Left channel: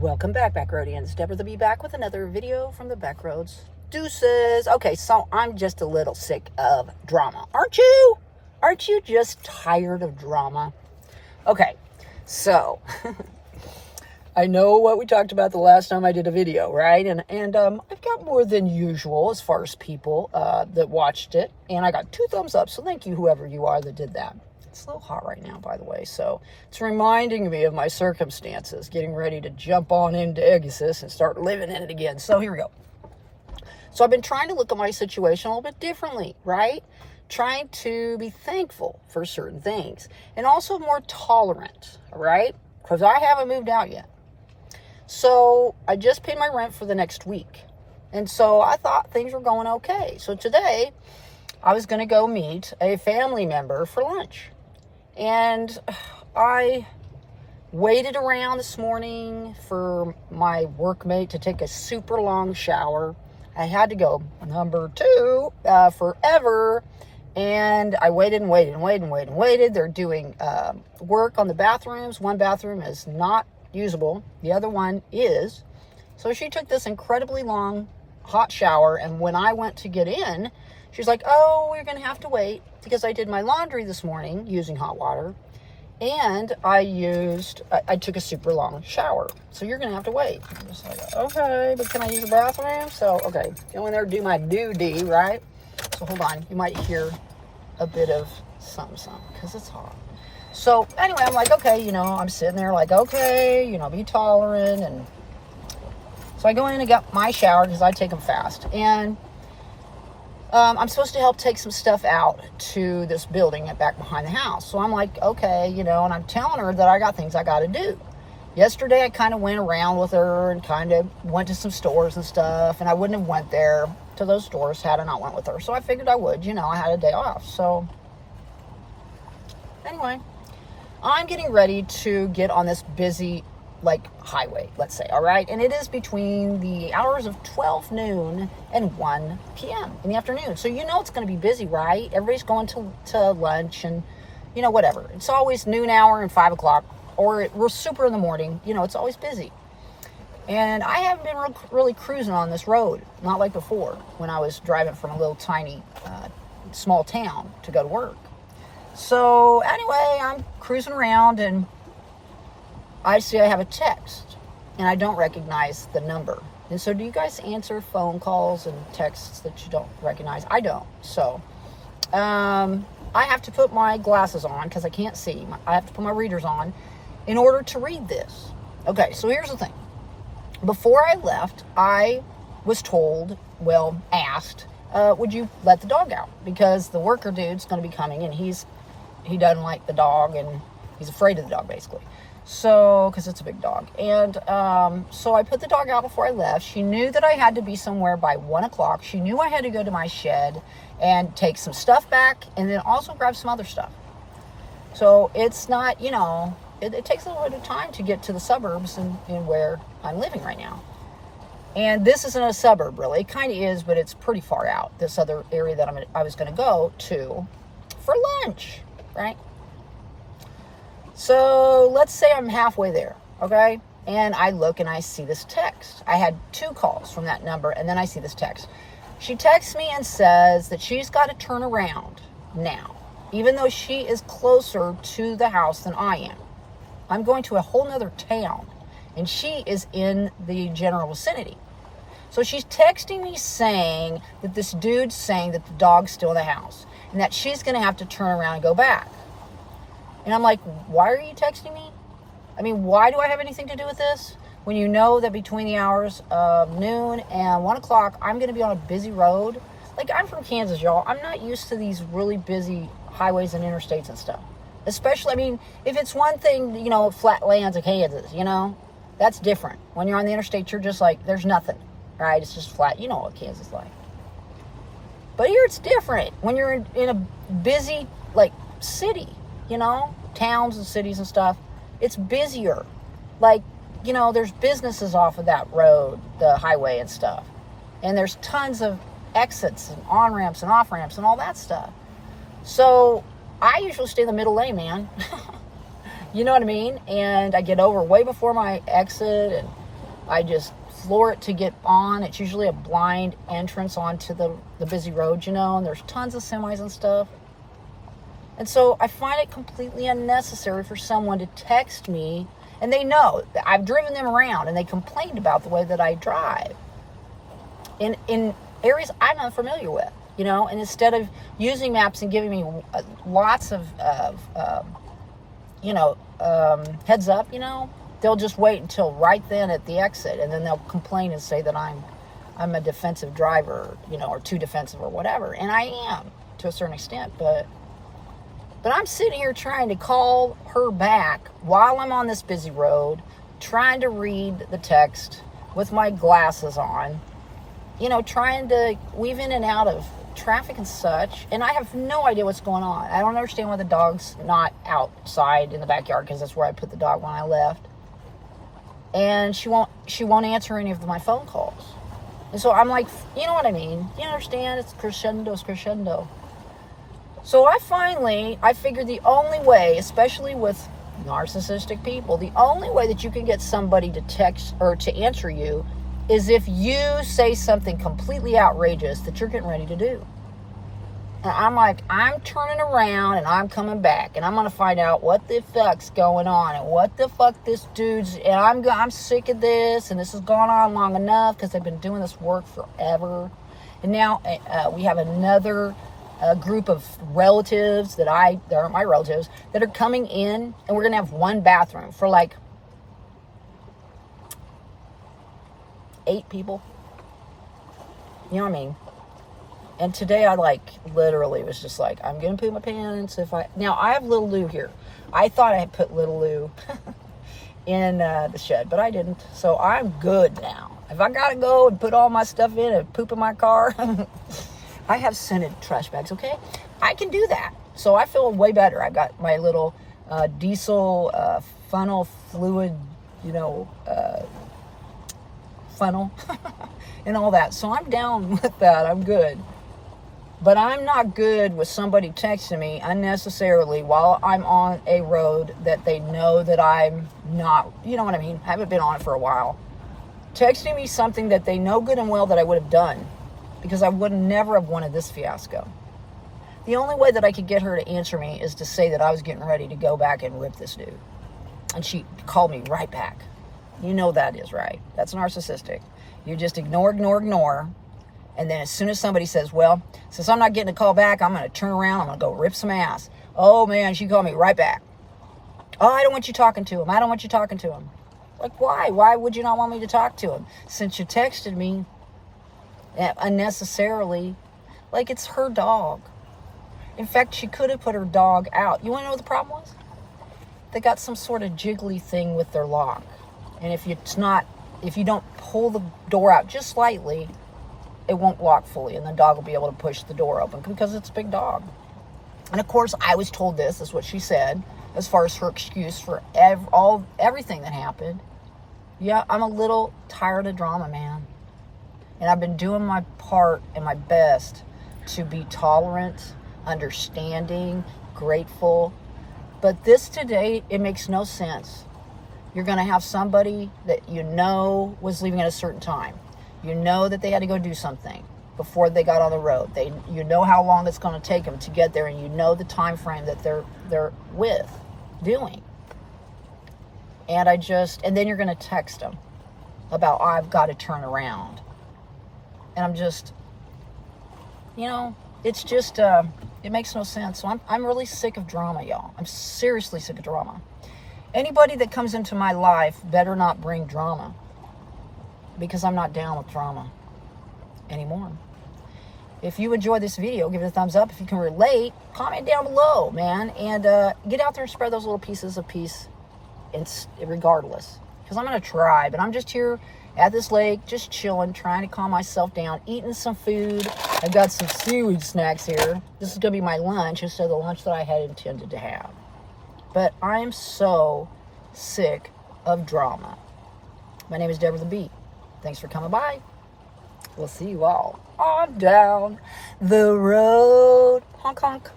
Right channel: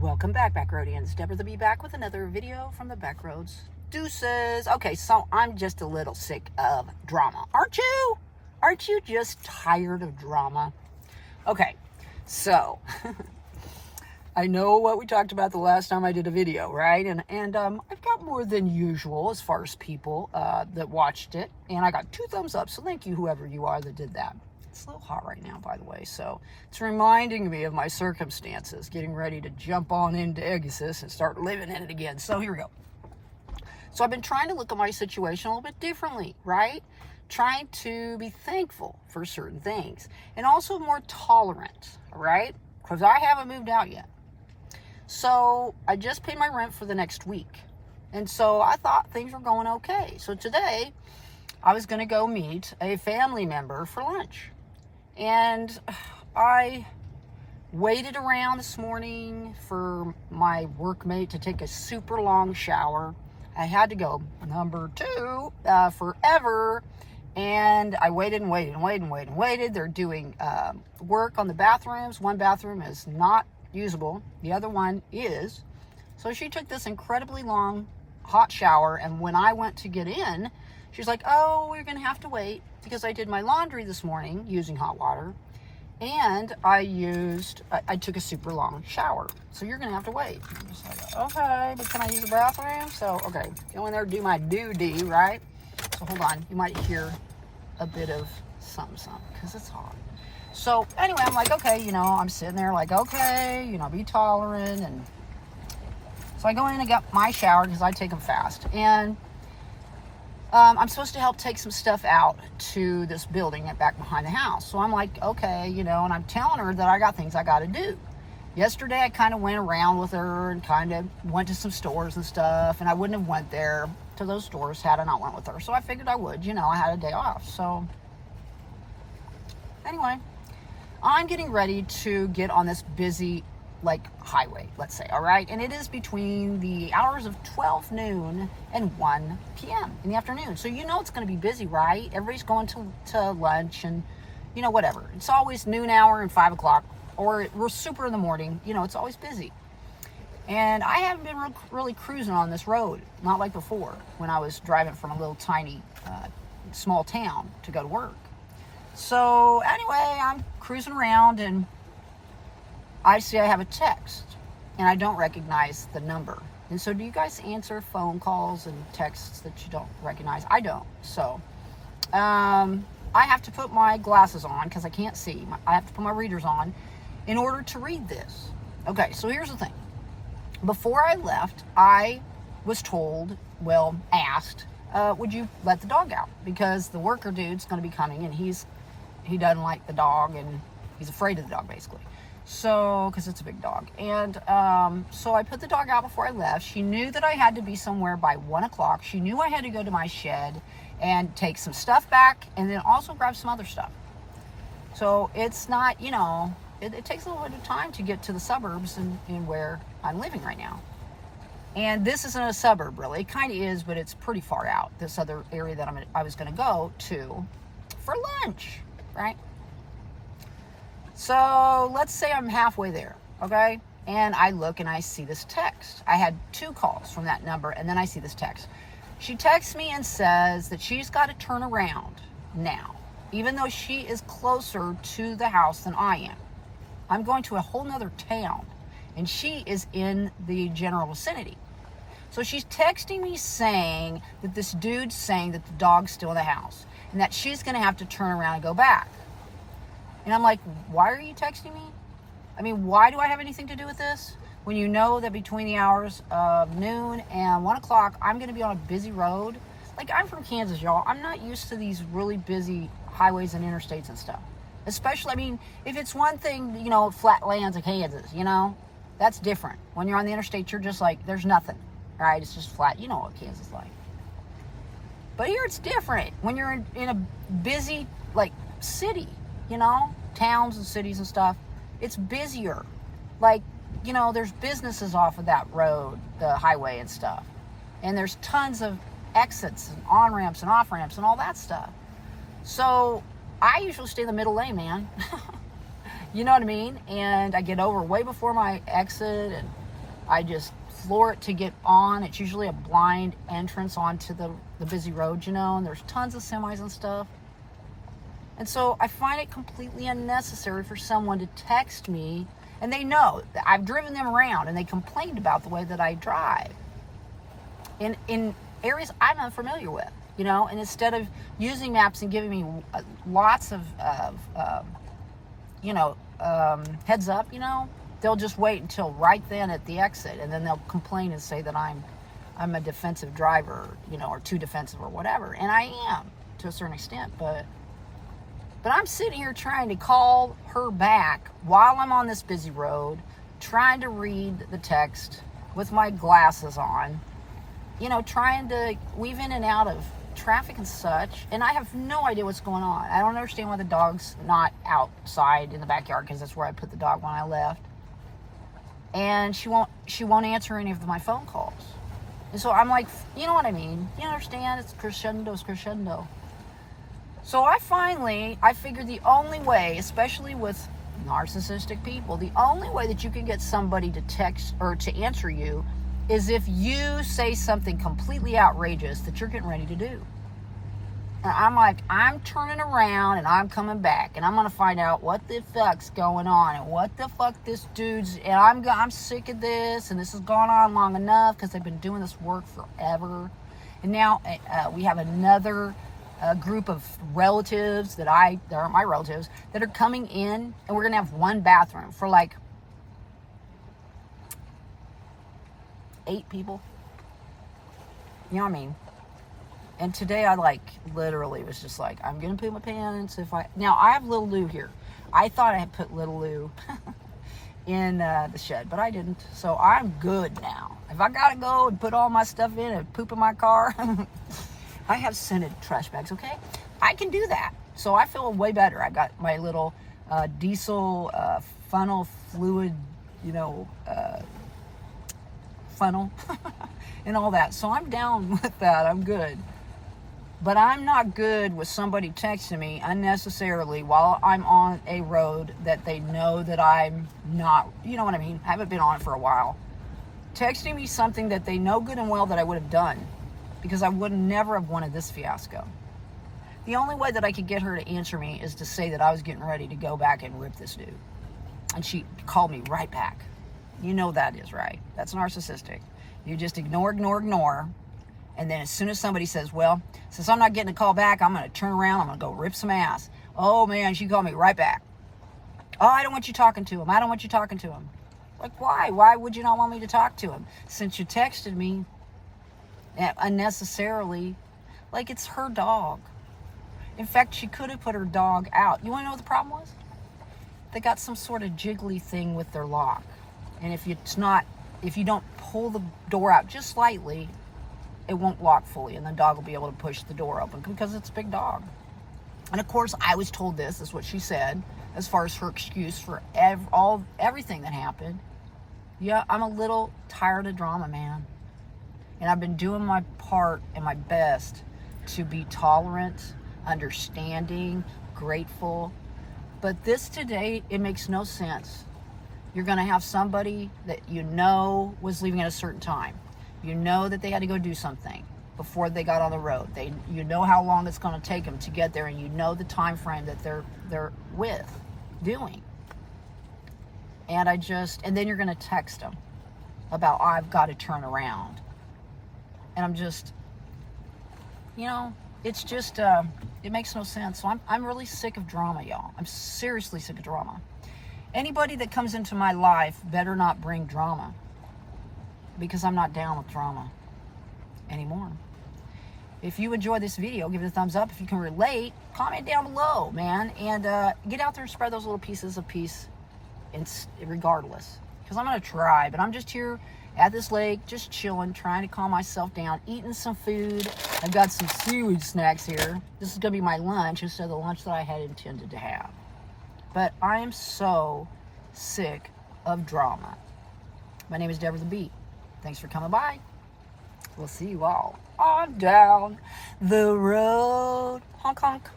Welcome back, Backroadians. Deborah the Bee back with another video from the Backroads. Deuces. Okay, so I'm just a little sick of drama. Aren't you? Aren't you just tired of drama? Okay, so I know what we talked about the last time I did a video, right? And I've got more than usual as far as people that watched it, and I got 2 thumbs up. So thank you, whoever you are that did that. It's a little hot right now, by the way, so it's reminding me of my circumstances, getting ready to jump on into Egasus and start living in it again. So here we go. So I've been trying to look at my situation a little bit differently, right? Trying to be thankful for certain things and also more tolerant, right? Because I haven't moved out yet. So I just paid my rent for the next week. And so I thought things were going okay. So today I was going to go meet a family member for lunch. And I waited around this morning for my workmate to take a super long shower. I had to go number 2 forever. And I waited and waited and waited and waited and waited. They're doing work on the bathrooms. One bathroom is not usable. The other one is. So she took this incredibly long hot shower. And when I went to get in, she's like, oh, we're going to have to wait because I did my laundry this morning using hot water. And I took a super long shower. So you're going to have to wait. I'm just like, okay, but can I use the bathroom? So, okay. Go in there, do my duty, right? So hold on. You might hear a bit of something because it's hot. So anyway, I'm like, okay, I'm sitting there like, okay, be tolerant. And so I go in and get my shower because I take them fast. And I'm supposed to help take some stuff out to this building back behind the house. So I'm like, okay, and I'm telling her that I got things I got to do. Yesterday, I kind of went around with her and kind of went to some stores and stuff. And I wouldn't have went there to those stores had I not went with her. So I figured I would, I had a day off. So anyway, I'm getting ready to get on this busy highway, let's say, all right? And it is between the hours of 12 noon and 1 p.m. in the afternoon. So it's going to be busy, right? Everybody's going to lunch and, whatever. It's always noon hour and 5 o'clock, or we're super in the morning. It's always busy. And I haven't been really cruising on this road, not like before when I was driving from a little tiny, small town to go to work. So anyway, I'm cruising around and I see I have a text and I don't recognize the number. And so do you guys answer phone calls and texts that you don't recognize? I don't. So I have to put my glasses on because I can't see. I have to put my readers on in order to read this. Okay, so here's the thing. Before I left, I was asked, would you let the dog out? Because the worker dude's going to be coming and he doesn't like the dog and he's afraid of the dog basically. So, because it's a big dog. And so I put the dog out before I left. She knew that I had to be somewhere by 1 o'clock. She knew I had to go to my shed and take some stuff back and then also grab some other stuff. So it's not, it takes a little bit of time to get to the suburbs and where I'm living right now. And this isn't a suburb really. It kind of is, but it's pretty far out. This other area that I was going to go to for lunch, right? So let's say I'm halfway there, okay? And I look and I see this text. I had 2 calls from that number, and then I see this text. She texts me and says that she's got to turn around now, even though she is closer to the house than I am. I'm going to a whole nother town, and she is in the general vicinity. So she's texting me saying that this dude's saying that the dog's still in the house, and that she's going to have to turn around and go back. And I'm like, why are you texting me? I mean, why do I have anything to do with this? When you know that between the hours of noon and 1 o'clock, I'm going to be on a busy road. I'm from Kansas, y'all. I'm not used to these really busy highways and interstates and stuff. Especially, if it's one thing, flat lands of Kansas, that's different. When you're on the interstate, you're just like, there's nothing, right? It's just flat. You know what Kansas is like. But here it's different. When you're in a busy, city, towns and cities and stuff, it's busier. There's businesses off of that road, the highway and stuff. And there's tons of exits and on-ramps and off-ramps and all that stuff. So I usually stay in the middle lane, man. You know what I mean? And I get over way before my exit, and I just floor it to get on. It's usually a blind entrance onto the busy road, you know, and there's tons of semis and stuff. And so I find it completely unnecessary for someone to text me, and they know that I've driven them around and they complained about the way that I drive in areas I'm unfamiliar with, you know, and instead of using maps and giving me lots of heads up, you know, they'll just wait until right then at the exit, and then they'll complain and say that I'm a defensive driver, you know, or too defensive or whatever. And I am to a certain extent, but I'm sitting here trying to call her back while I'm on this busy road, trying to read the text with my glasses on, you know, trying to weave in and out of traffic and such, and I have no idea what's going on. I don't understand why the dog's not outside in the backyard, because that's where I put the dog when I left. And she won't answer any of my phone calls. And so I'm like, you know what I mean? You understand? It's crescendo. So I figured the only way, especially with narcissistic people, the only way that you can get somebody to text or to answer you is if you say something completely outrageous that you're getting ready to do. And I'm like, I'm turning around and I'm coming back, and I'm going to find out what the fuck's going on and what the fuck this dude's, and I'm sick of this, and this has gone on long enough because they've been doing this work forever. And now we have another group of relatives that aren't my relatives, that are coming in, and we're going to have one bathroom for like 8 people. You know what I mean? And today I literally was just like, I'm going to poop my pants now I have little Lou here. I thought I had put little Lou in the shed, but I didn't. So I'm good now. If I got to go and put all my stuff in and poop in my car, I have scented trash bags, okay? I can do that. So I feel way better. I got my little diesel funnel fluid, you know, funnel and all that. So I'm down with that. I'm good. But I'm not good with somebody texting me unnecessarily while I'm on a road that they know that I'm not, you know what I mean? I haven't been on it for a while. Texting me something that they know good and well that I would have done, because I would never have wanted this fiasco. The only way that I could get her to answer me is to say that I was getting ready to go back and whip this dude. And she called me right back. You know that is right. That's narcissistic. You just ignore. And then as soon as somebody says, well, since I'm not getting a call back, I'm going to turn around, I'm going to go rip some ass. Oh, man, she called me right back. Oh, I don't want you talking to him. I don't want you talking to him. Like, why? Why would you not want me to talk to him? Since you texted me unnecessarily, like it's her dog. In fact, she could have put her dog out. You want to know what the problem was? They got some sort of jiggly thing with their lock. And if you don't pull the door out just slightly, it won't lock fully, and the dog will be able to push the door open because it's a big dog. And of course, I was told this is what she said as far as her excuse for everything that happened. Yeah, I'm a little tired of drama, man. And I've been doing my part and my best to be tolerant, understanding, grateful. But this today, it makes no sense. You're going to have somebody that you know was leaving at a certain time. You know that they had to go do something before they got on the road. You know how long it's going to take them to get there, and you know the time frame that they're doing. And then you're going to text them about, I've got to turn around. And I'm just, you know, it's just, it makes no sense. So I'm really sick of drama, y'all. I'm seriously sick of drama. Anybody that comes into my life better not bring drama, because I'm not down with drama anymore. If you enjoyed this video, give it a thumbs up. If you can relate, comment down below, man. And get out there and spread those little pieces of peace regardless. Because I'm going to try, but I'm just here at this lake, just chilling, trying to calm myself down, eating some food. I've got some seaweed snacks here. This is going to be my lunch instead of the lunch that I had intended to have. But I am so sick of drama. My name is Deborah the Beat. Thanks for coming by. We'll see you all on down the road. Honk, honk.